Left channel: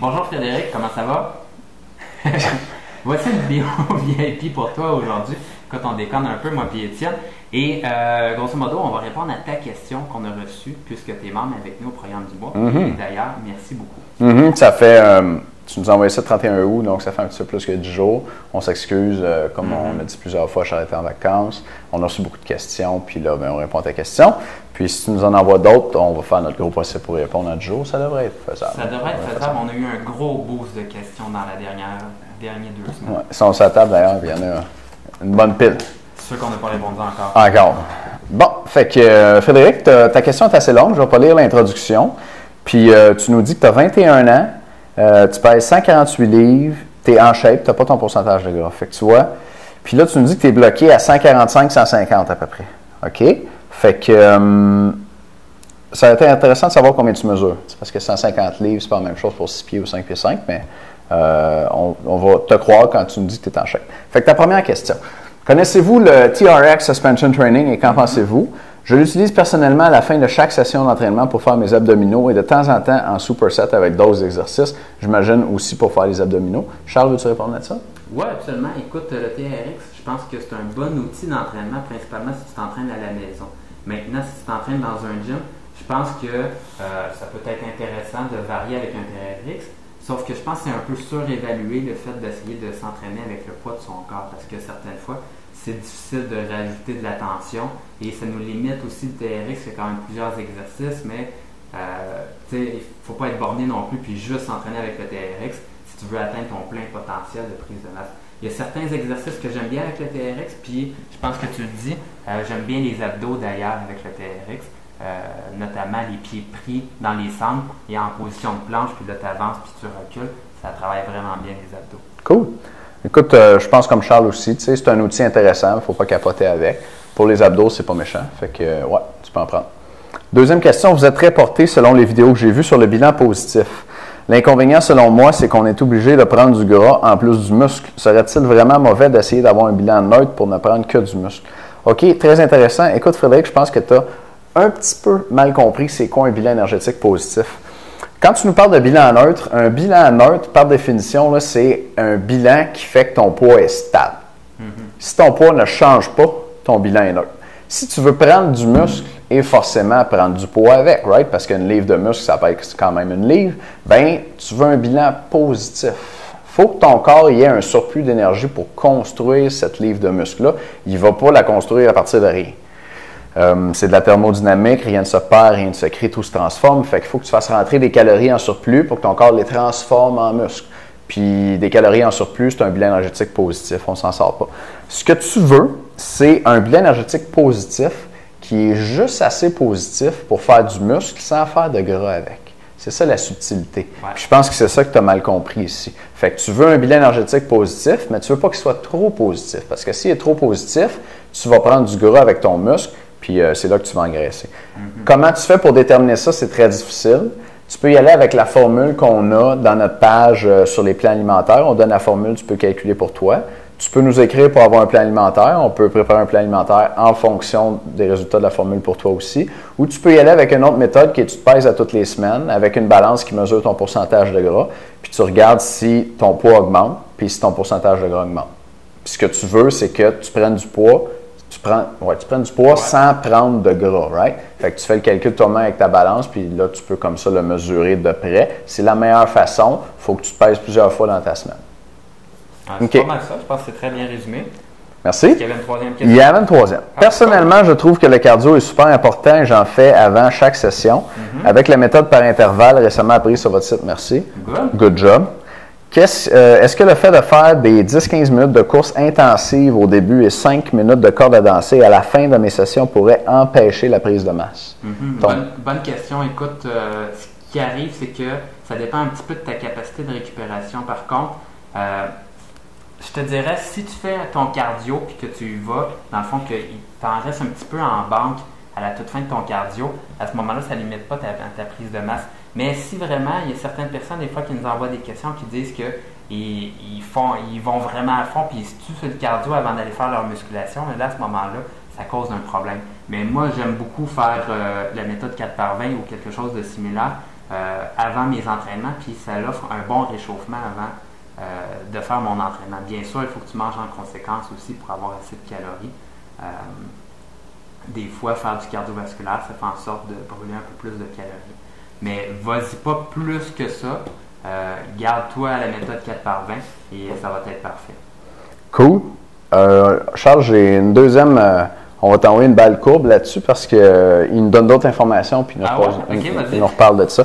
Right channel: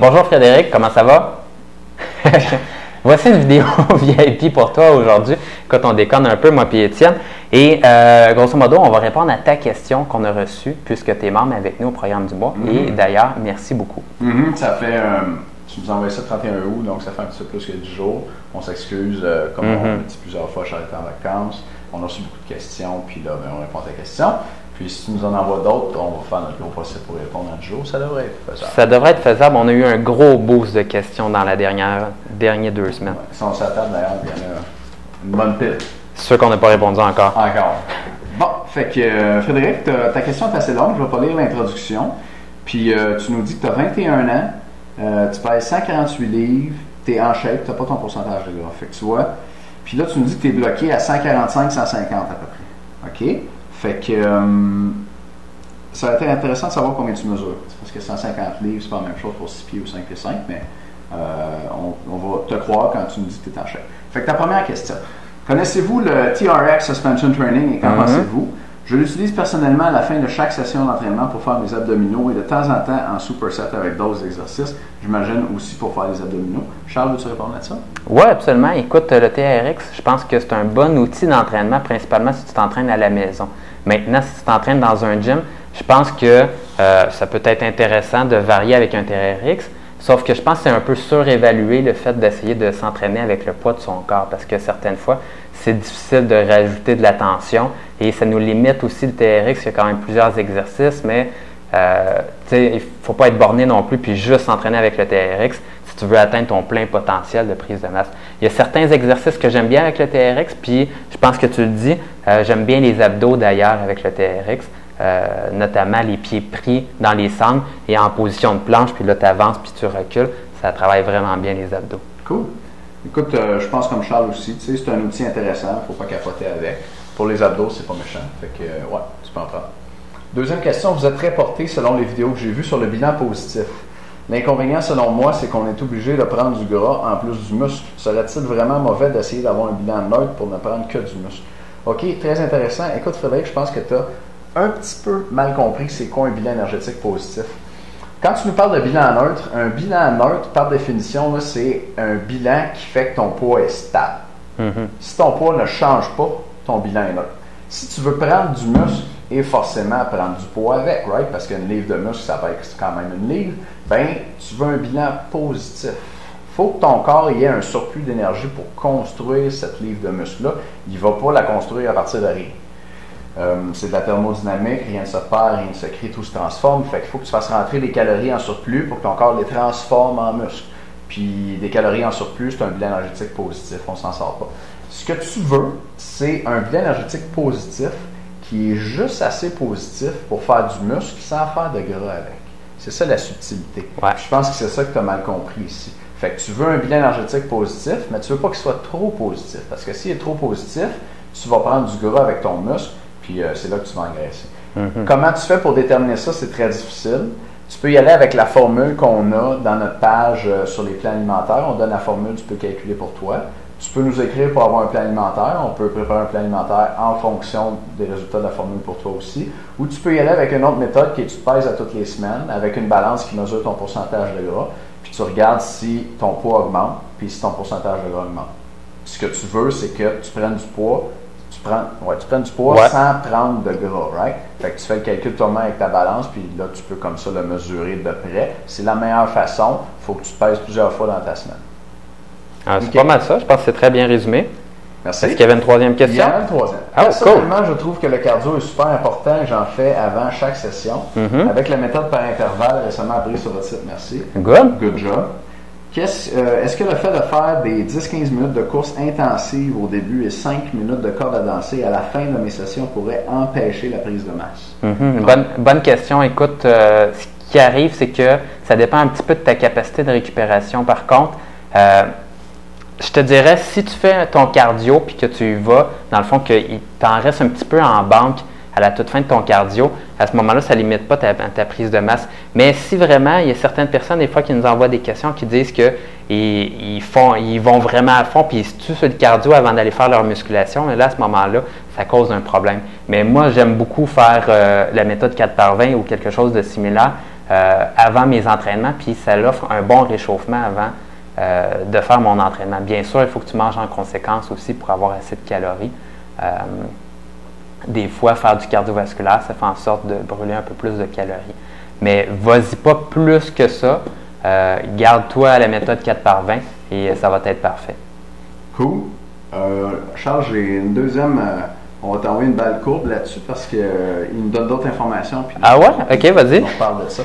Bonjour Frédéric, comment ça va? Voici une vidéo VIP pour toi aujourd'hui. Quand on déconne un peu, moi et Étienne. Et grosso modo, on va répondre à ta question qu'on a reçue puisque tu es membre avec nous au programme du mois. Et d'ailleurs, merci beaucoup. Ça fait, tu nous as envoyé ça le 31 août, donc ça fait un petit peu plus que 10 jours. On s'excuse, comme on l'a dit plusieurs fois, je suis en vacances. On a reçu beaucoup de questions, puis là, on répond à tes questions. Puis si tu nous en envoies d'autres, on va faire notre gros possible pour répondre à 10 jours. Ça devrait être faisable. Ça devrait être faisable. On a eu un gros boost de questions dans la dernières 2 semaines. Ouais. Si on s'attable d'ailleurs, il y en a une bonne pile. Ceux qu'on n'a pas répondu encore. Encore. Bon, fait que Frédéric, ta question est assez longue. Je vais pas lire l'introduction. Puis tu nous dis que tu as 21 ans, tu pèses 148 livres, tu es en shape, tu n'as pas ton pourcentage de gras. Fait que tu vois. Puis là, tu nous dis que tu es bloqué à 145-150 à peu près. OK? Fait que ça a été intéressant de savoir combien tu mesures. Parce que 150 livres, c'est pas la même chose pour 6 pieds ou 5 pieds 5, mais on va te croire quand tu nous dis que tu es en shape. Fait que ta première question. Connaissez-vous le TRX Suspension Training et qu'en pensez-vous? Je l'utilise personnellement à la fin de chaque session d'entraînement pour faire mes abdominaux et de temps en temps en superset avec d'autres exercices. J'imagine aussi pour faire les abdominaux. Charles, veux-tu répondre à ça? Oui, absolument. Écoute, le TRX, je pense que c'est un bon outil d'entraînement, principalement si tu t'entraînes à la maison. Maintenant, si tu t'entraînes dans un gym, je pense que ça peut être intéressant de varier avec un TRX, sauf que je pense que c'est un peu surévalué le fait d'essayer de s'entraîner avec le poids de son corps, parce que certaines fois, c'est difficile de rajouter de la tension et ça nous limite aussi le TRX. Il y a quand même plusieurs exercices, mais il ne faut pas être borné non plus puis juste s'entraîner avec le TRX si tu veux atteindre ton plein potentiel de prise de masse. Il y a certains exercices que j'aime bien avec le TRX, puis je pense que tu le dis, j'aime bien les abdos d'ailleurs avec le TRX, notamment les pieds pris dans les sangles et en position de planche, puis là tu avances puis tu recules, ça travaille vraiment bien les abdos. Cool. Écoute, je pense comme Charles aussi, tu sais, c'est un outil intéressant, il ne faut pas capoter avec. Pour les abdos, c'est pas méchant. Fait que, ouais, tu peux en prendre. Deuxième question, vous êtes très porté selon les vidéos que j'ai vues sur le bilan positif. L'inconvénient, selon moi, c'est qu'on est obligé de prendre du gras en plus du muscle. Serait-il vraiment mauvais d'essayer d'avoir un bilan neutre pour ne prendre que du muscle? OK, très intéressant. Écoute, Frédéric, je pense que tu as un petit peu mal compris c'est quoi un bilan énergétique positif. Quand tu nous parles de bilan neutre, un bilan neutre, par définition, c'est un bilan qui fait que ton poids est stable. Si ton poids ne change pas, ton bilan est neutre. Si tu veux prendre du muscle et forcément prendre du poids avec, right? Parce qu'une livre de muscle, ça va être quand même une livre, bien, tu veux un bilan positif. Il faut que ton corps ait un surplus d'énergie pour construire cette livre de muscle-là. Il ne va pas la construire à partir de rien. C'est de la thermodynamique, rien ne se perd, rien ne se crée, tout se transforme. Fait qu'il faut que tu fasses rentrer des calories en surplus pour que ton corps les transforme en muscle. Puis des calories en surplus, c'est un bilan énergétique positif, on ne s'en sort pas. Ce que tu veux, c'est un bilan énergétique positif qui est juste assez positif pour faire du muscle sans faire de gras avec. C'est ça la subtilité. Ouais. Je pense que c'est ça que tu as mal compris ici. Fait que tu veux un bilan énergétique positif, mais tu ne veux pas qu'il soit trop positif. Parce que s'il est trop positif, tu vas prendre du gras avec ton muscle, puis c'est là que tu vas engraisser. Comment tu fais pour déterminer ça? C'est très difficile. Tu peux y aller avec la formule qu'on a dans notre page sur les plans alimentaires. On donne la formule, tu peux calculer pour toi. Tu peux nous écrire pour avoir un plan alimentaire. On peut préparer un plan alimentaire en fonction des résultats de la formule pour toi aussi. Ou tu peux y aller avec une autre méthode qui est tu te pèses à toutes les semaines avec une balance qui mesure ton pourcentage de gras. Puis tu regardes si ton poids augmente, puis si ton pourcentage de gras augmente. Puis ce que tu veux, c'est que tu prennes du poids. Tu prends du poids sans prendre de gras, right? Fait que tu fais le calcul toi-même avec ta balance, puis là, tu peux comme ça le mesurer de près. C'est la meilleure façon. Il faut que tu pèses plusieurs fois dans ta semaine. C'est pas mal ça. Je pense que c'est très bien résumé. Merci. Est-ce qu'il y avait une troisième question? Il y avait une troisième. Personnellement, je trouve que le cardio est super important et j'en fais avant chaque session. Avec la méthode par intervalle récemment apprise sur votre site. Merci. Good job. Est-ce que le fait de faire des 10-15 minutes de course intensive au début et 5 minutes de corde à danser à la fin de mes sessions pourrait empêcher la prise de masse? Bonne question. Écoute, ce qui arrive, c'est que ça dépend un petit peu de ta capacité de récupération. Par contre, je te dirais, si tu fais ton cardio puis que tu y vas, dans le fond, qu'il t'en reste un petit peu en banque à la toute fin de ton cardio, à ce moment-là, ça ne limite pas ta prise de masse. Mais si vraiment, il y a certaines personnes, des fois, qui nous envoient des questions qui disent qu'ils vont vraiment à fond puis ils se tuent sur le cardio avant d'aller faire leur musculation, et là, à ce moment-là, ça cause un problème. Mais moi, j'aime beaucoup faire la méthode 4x20 ou quelque chose de similaire. avant mes entraînements, puis ça l'offre un bon réchauffement avant de faire mon entraînement. Bien sûr, il faut que tu manges en conséquence aussi pour avoir assez de calories. Des fois, faire du cardiovasculaire, ça fait en sorte de brûler un peu plus de calories. Mais vas-y pas plus que ça. Garde-toi à la méthode 4 par 20 et ça va être parfait. Cool. Charles, j'ai une deuxième. On va t'envoyer une balle courbe là-dessus parce qu'il nous donne d'autres informations. Puis ah ouais? OK, vas-y. On reparle de ça.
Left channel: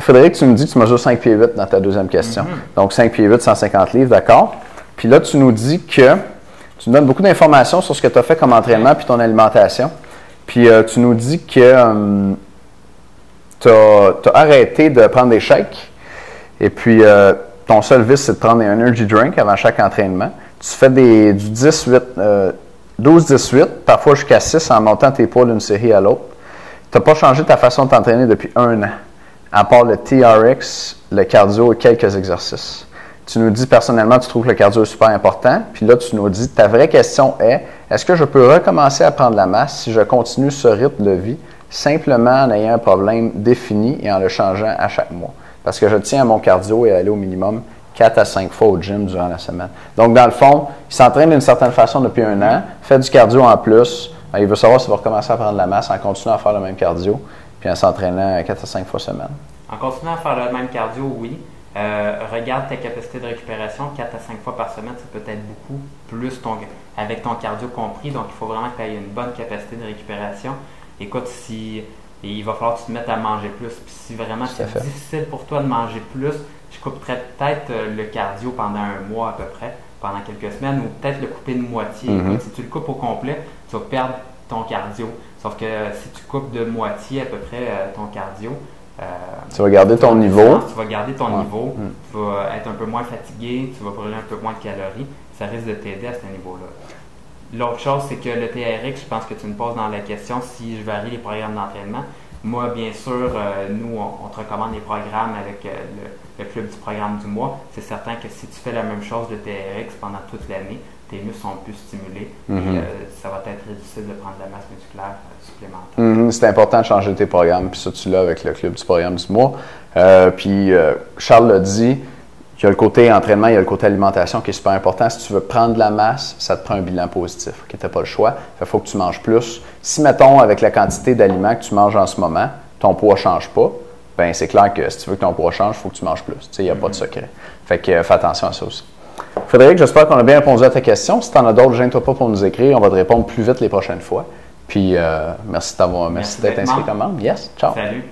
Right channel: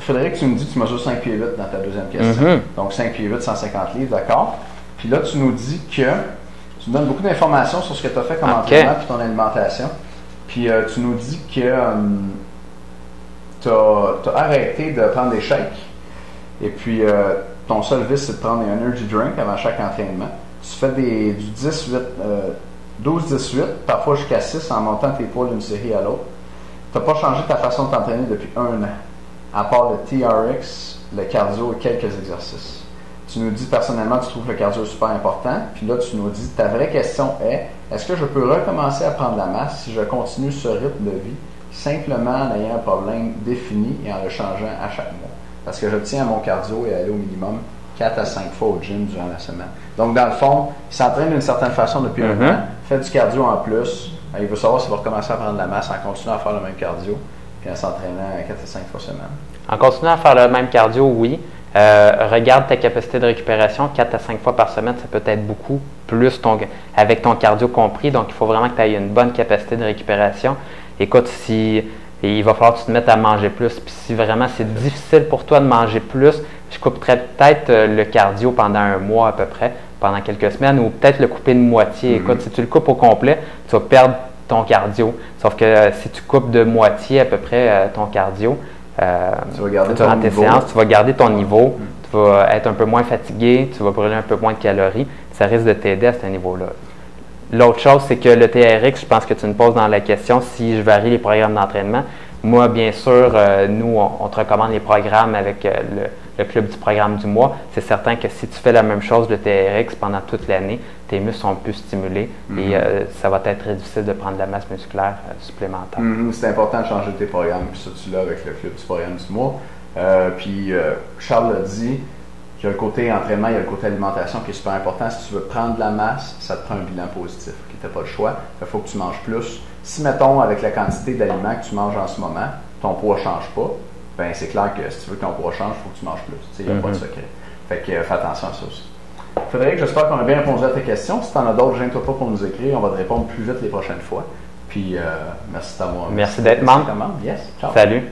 Frédéric, tu nous dis que tu mesures 5 pieds 8 dans ta deuxième question. Donc 5 pieds 8, 150 livres, d'accord. Puis là, tu nous dis que tu nous donnes beaucoup d'informations sur ce que tu as fait comme entraînement puis ton alimentation. Puis tu nous dis que tu as arrêté de prendre des shakes. Et puis ton seul vice, c'est de prendre des energy drinks avant chaque entraînement. Tu fais du 12-18, parfois jusqu'à 6 en montant tes poids d'une série à l'autre. Tu n'as pas changé ta façon de t'entraîner depuis 1 an, à part le TRX, le cardio et quelques exercices. Tu nous dis personnellement, tu trouves que le cardio est super important. Puis là, tu nous dis, ta vraie question est, est-ce que je peux recommencer à prendre la masse si je continue ce rythme de vie simplement en ayant un problème défini et en le changeant à chaque mois? Parce que je tiens à mon cardio et à aller au minimum 4 à 5 fois au gym durant la semaine. Donc, dans le fond, il s'entraîne d'une certaine façon depuis 1 an, fait du cardio en plus. Il veut savoir s'il va recommencer à prendre de la masse en continuant à faire le même cardio, puis en s'entraînant 4 à 5 fois semaine. En continuant à faire le même cardio, oui. Regarde ta capacité de récupération, 4 à 5 fois par semaine, ça peut être beaucoup plus avec ton cardio compris. Donc, il faut vraiment que tu aies une bonne capacité de récupération. Écoute, il va falloir que tu te mettes à manger plus. Puis si vraiment c'est difficile pour toi de manger plus, je couperais peut-être le cardio pendant 1 mois à peu près, pendant quelques semaines, ou peut-être le couper de moitié. Écoute, si tu le coupes au complet, tu vas perdre ton cardio. Sauf que si tu coupes de moitié à peu près ton cardio, tu vas garder ton niveau. Tu vas garder ton niveau, tu vas être un peu moins fatigué, tu vas brûler un peu moins de calories. Ça risque de t'aider à ce niveau-là. L'autre chose, c'est que le TRX, je pense que tu me poses dans la question si je varie les programmes d'entraînement. Moi, bien sûr, nous, on te recommande les programmes avec le club du programme du mois. C'est certain que si tu fais la même chose, le TRX, pendant toute l'année, tes muscles sont plus stimulés et ça va être très difficile de prendre de la masse musculaire supplémentaire. C'est important de changer tes programmes, puis ça, tu l'as avec le club du programme du mois. Puis Charles l'a dit, il y a le côté entraînement, il y a le côté alimentation qui est super important. Si tu veux prendre de la masse, ça te prend un bilan positif. Tu n'as pas le choix. Il faut que tu manges plus. Si, mettons, avec la quantité d'aliments que tu manges en ce moment, ton poids ne change pas, bien, c'est clair que si tu veux que ton poids change, il faut que tu manges plus. Il n'y a pas de secret. Fait que fais attention à ça aussi. Frédéric, j'espère qu'on a bien répondu à ta question. Si tu en as d'autres, gêne-toi pas pour nous écrire. On va te répondre plus vite les prochaines fois. Puis, merci de t'avoir Merci d'être membre. Yes, ciao. Salut.